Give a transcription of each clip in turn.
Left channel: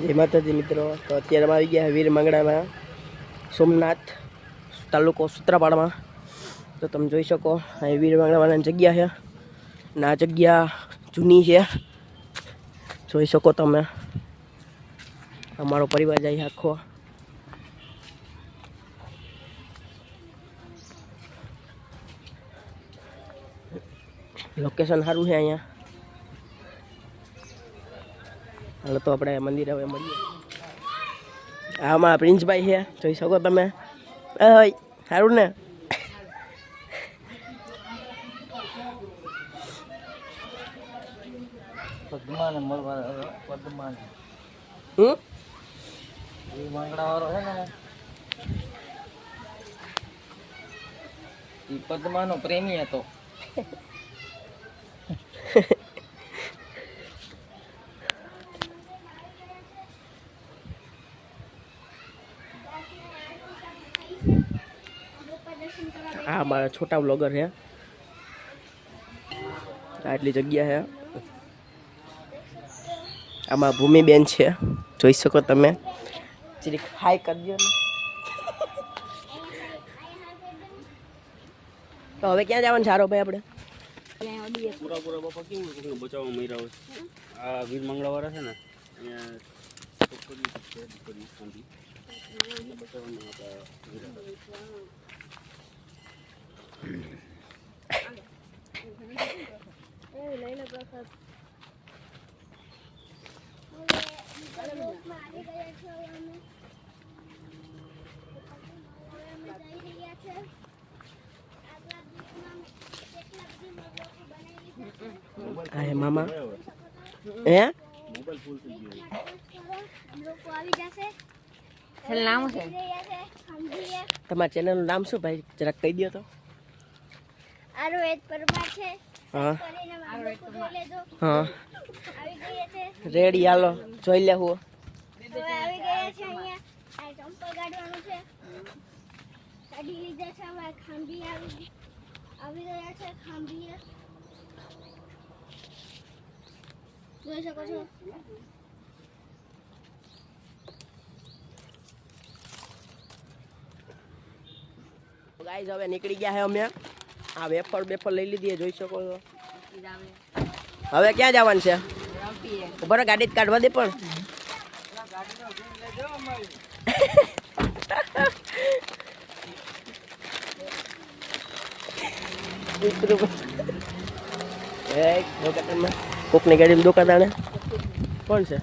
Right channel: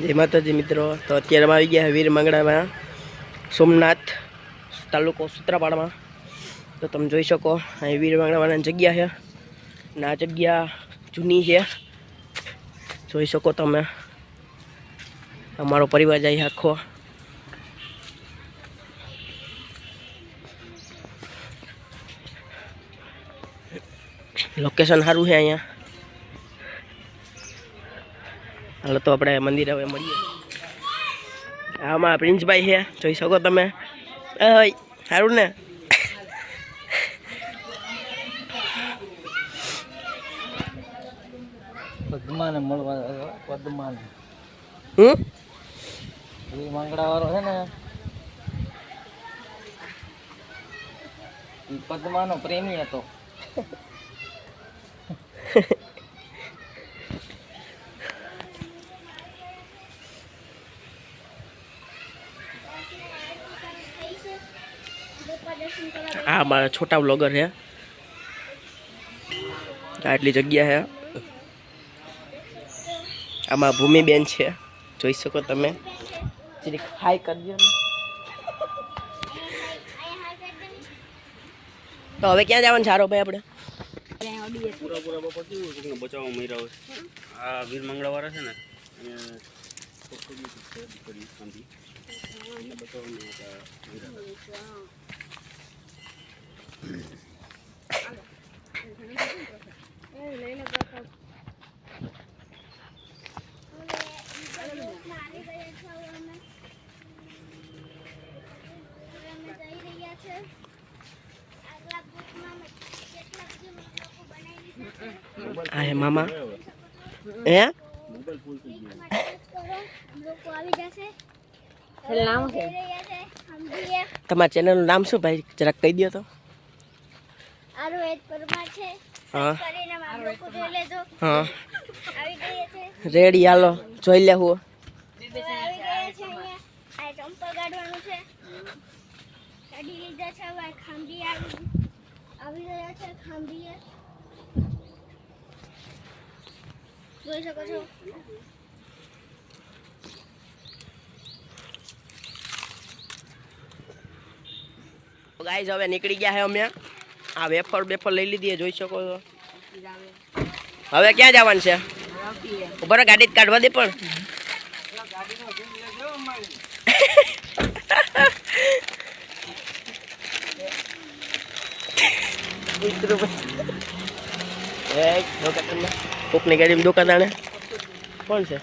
જય માતાજી મિત્રો, તો અત્યારે અમે આવી ગયા વીર માંગડામાં, સોમનાથ તાલુકો સૂત્રાપાડામાં. તો તમે જોઈ શકો અહીં વીર માંગડાવાની જગ્યા છે અને આ જગ્યા જૂની છે, જોઈ શકો તમે. અમારો પરિવાર જાય આખો. લોકેશન સારું છે અહીંયા. હાલો તો આપણે મંદિર હવે મળીએ. આમાં પ્રિન્સભાઈ છે, જોઈ શકો તમે. સારું ને? વાળો છે ને એ પદ્માનો પ્રેમી હતો. આ મારા છોટા બ્લોગર છે. આટલી જગ્યા છે. આમાં ભૂમિબેન છે, જોઈ શકો તમે. જરીક હાય કરજો ને. તો હવે ક્યાં જવાનું સારો ભાઈ આપણે? પૂરા બાપા કેવું બચાવવા મર્યા હોય. આ વીર મંગળવાળા છે ને હા મામા હે તમારા ચેનલનું નામ શું ભાઈ, જરાક કહી દો તો. હા હા રેડી, હાલો જોઈ લેવું. જોઈ શકો છો. ગાઈઝ હવે નીકળી ગયા છે અમે. આ વેફર બેફર લઈ લીધી, જોઈ શકો છો. હવે ક્યાં જવાનું છે? ઉપર ગાડી કાઢવા દે પણ. કોકની ગાડીમાં દુકાન કોણ છે?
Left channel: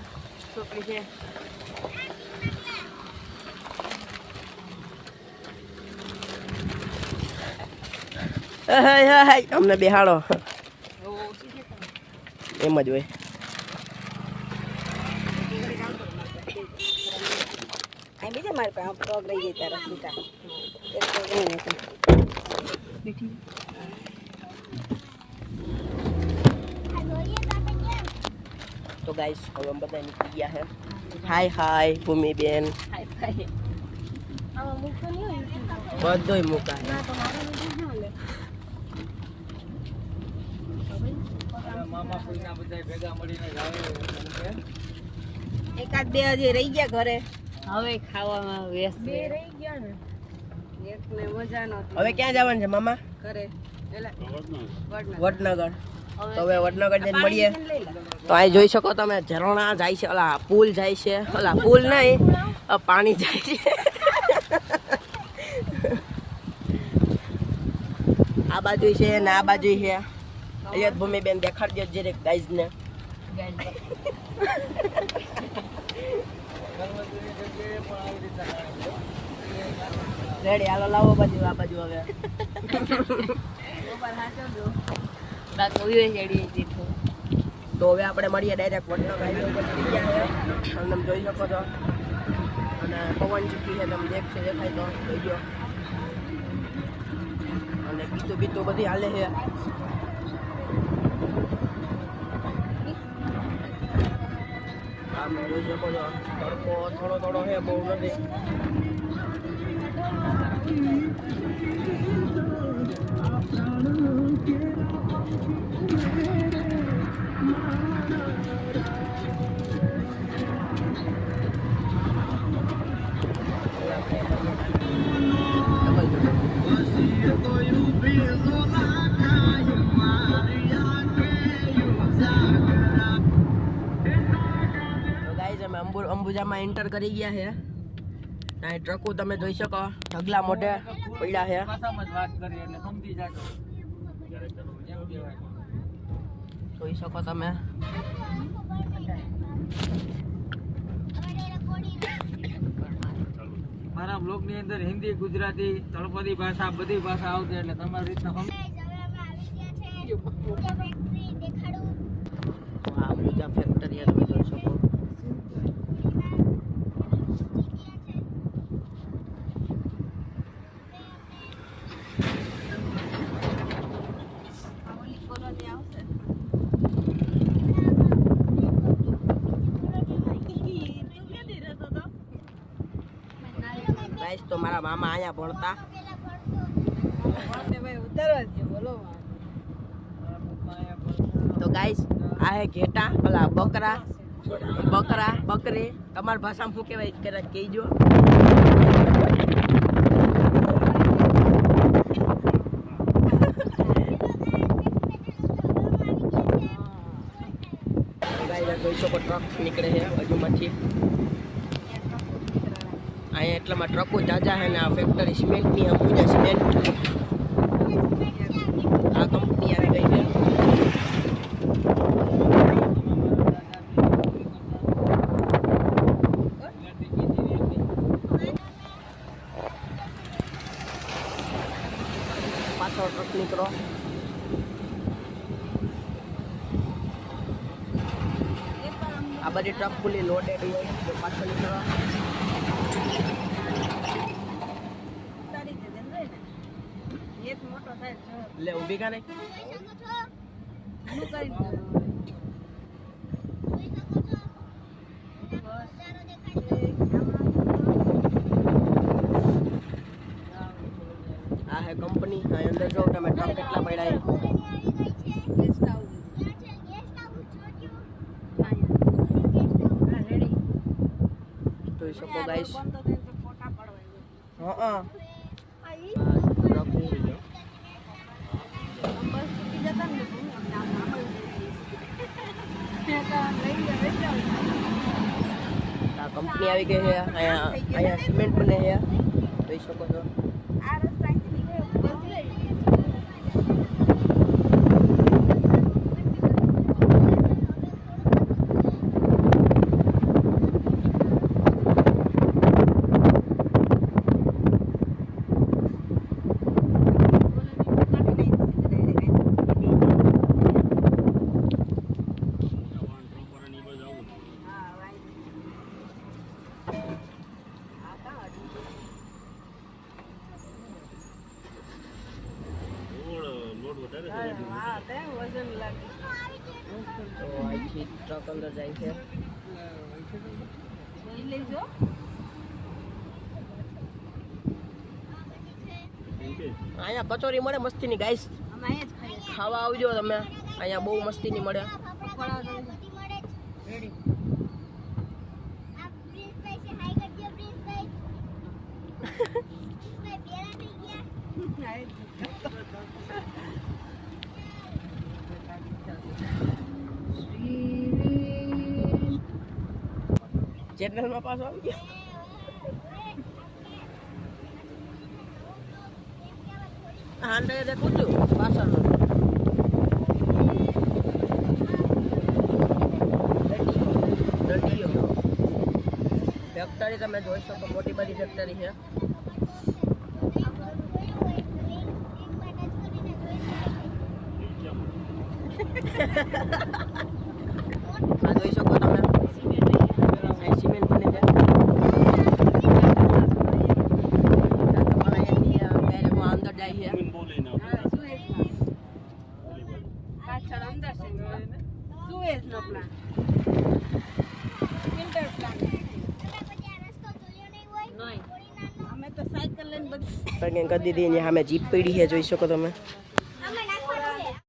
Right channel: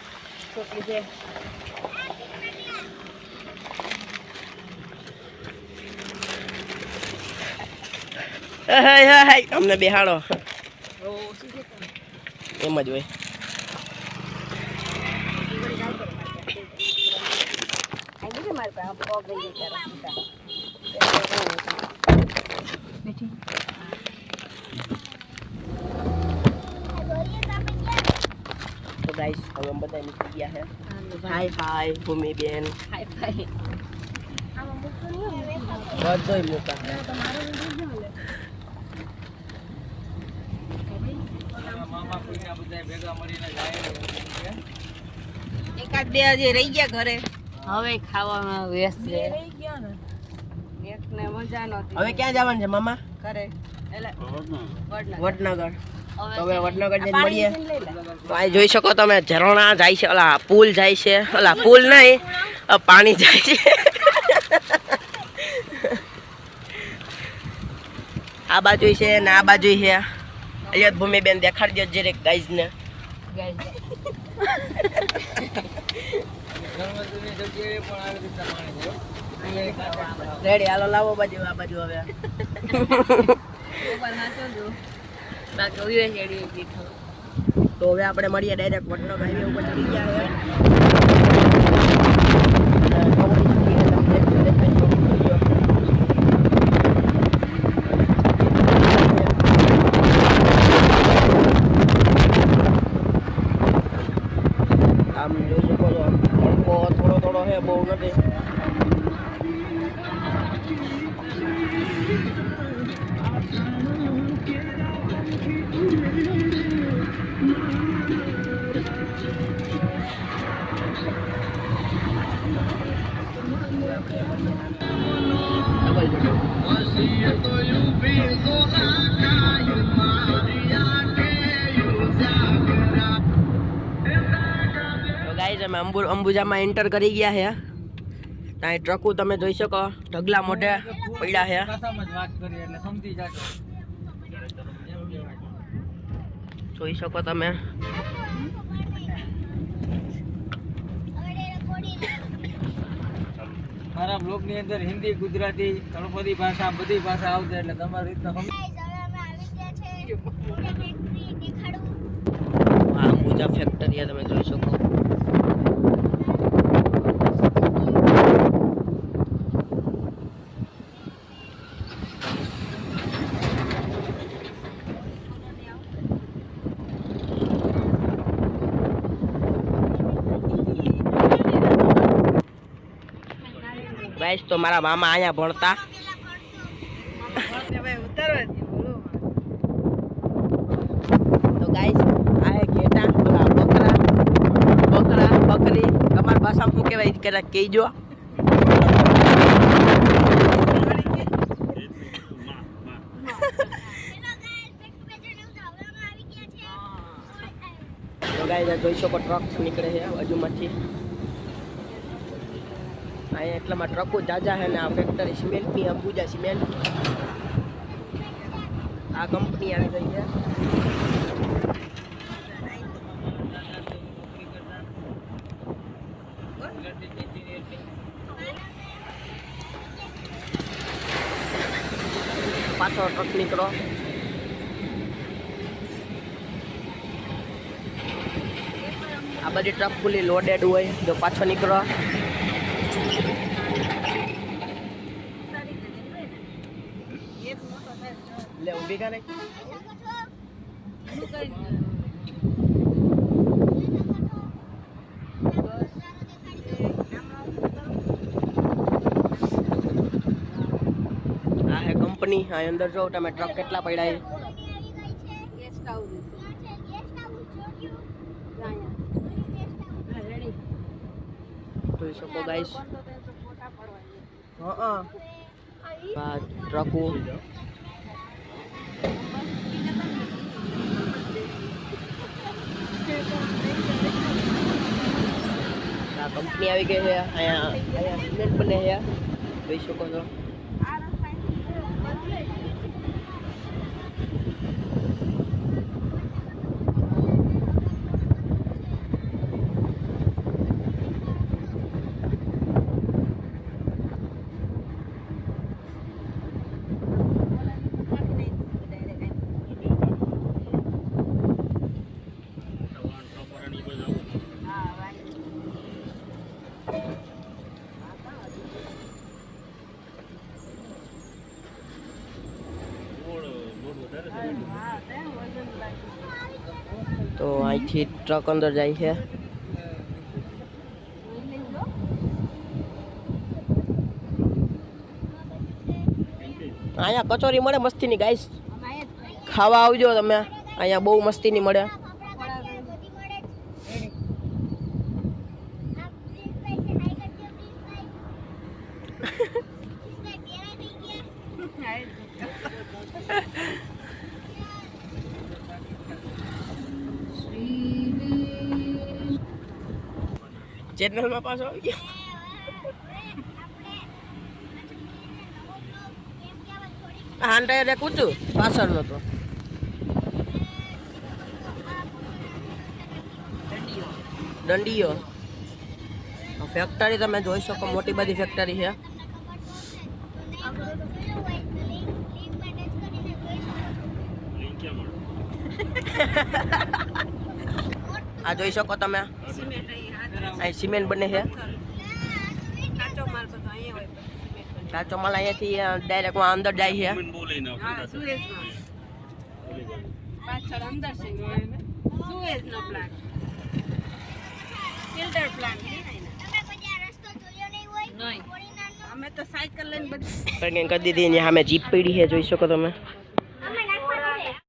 અમને બેહાડો એમ જ હોય. તો ગાઈસ હવે અમે બધા નીકળી ગયા છે. હાય હાય ભૂમિબેન. બધોય મૂકા. એકાદ બે હજી રહી ગયા ઘરે. હવે ખાવામાં વ્યસ્ત મજા નહોતી. હવે ક્યાં જવાનું છે મામા? ઘરે વડનગર. તો હવે વડનગર જઈને મળીએ. તો અહીં જોઈ શકો તમે ઝરણા જાય છે, ઓલા પુલ જાય છે. ઓલા પુલ નહીં, પાણી જાય છે. આ બાજુ છે ને આ બાજુ છે. અહીંયા ભૂમિબેન દેખાડજો જરીક ગાઈઝ ને. રેડી, હાલો લાવો બાજુ. આ બાજુ હવે તો હવે આપણે મળીએ ડાયરેક્ટ વડનગર હાઈવે ઉપર ચડી ગયા છે. પવન આમ જોઈ શકો છો. તડકો થોડો થોડો છે, બહુ નથી. ગાઈઝ અમે અંબુજામાં એન્ટર કરી ગયા છે. ત્યાં ટ્રકો તમે જોઈ શકો ઢગલા મોઢે પડ્યા છે. જોઈ શકો તમે. મારા બ્લોગ ની અંદર હિન્દી, ગુજરાતી, તળપદી ભાષા બધી ભાષા આવશે એટલે તમારી રીતના આ અંબુજા ફેક્ટરી તમે જોઈ શકો. ગાઈસ તો મારા મામા અહીંયા ભણતા. તો ગાઈસ આ હે ઘેટા, પેલા બકરા બકરી તમારી ભાષામાં શું કહેવાય કે કહેજો. તો ગાઈસ જોઈ શકો ટ્રક નીકળે છે બાજુમાંથી. અહીંયા એટલામાં ટ્રકો જાજા છે ને આ ફેક્ટરી સિમેન્ટની અંબુજા સિમેન્ટ આ કંપની આવી ગઈ છે. પાછો ટ્રક નીકળો. આ બધી ટ્રક ફૂલી લોડેડ હોય તો પાછો નીકળો. લે ઊભી કા નહીં. આ હે કંપની. આ અંદર જો તમે ટ્રક કેટલા પડ્યા છે. જોઈ શકો ગાઈસ. હા ટ્રકો આ કંપની આવી ગઈ છે. અહીંયા સિમેન્ટ બને છે જોઈ શકો છો. તો અહીંથી ટ્રક અંદર જાય છે. અહીંયા કચોરી મળે મસ્તીની ગાઈસ, ખાવા આવજો તમે. અહીંયા બહુ મસ્તીની મળે. ચેનલમાં પાછો આવી ગયો. હાંડા એક ઊંચું પાછળનું દંડીઓ ફેક્ટરી તમે જોઈ શકો. મોટી બધી ફેક્ટરી છે. આ જોઈ શકો તમે. અહીં સિમેન્ટ બને છે. કાચો માલ અહીંયાથી ડાયરેક્ટ અંદર જાય છે. પાછળ અંદર છે સુએઝ નો પ્લાન્ટ, ફિલ્ટર પ્લાન્ટ. નહીં અમે તો સાયકલ લઈને બધી કરી દીધી. સામે જીપ પડી છે જોઈ શકો તમે.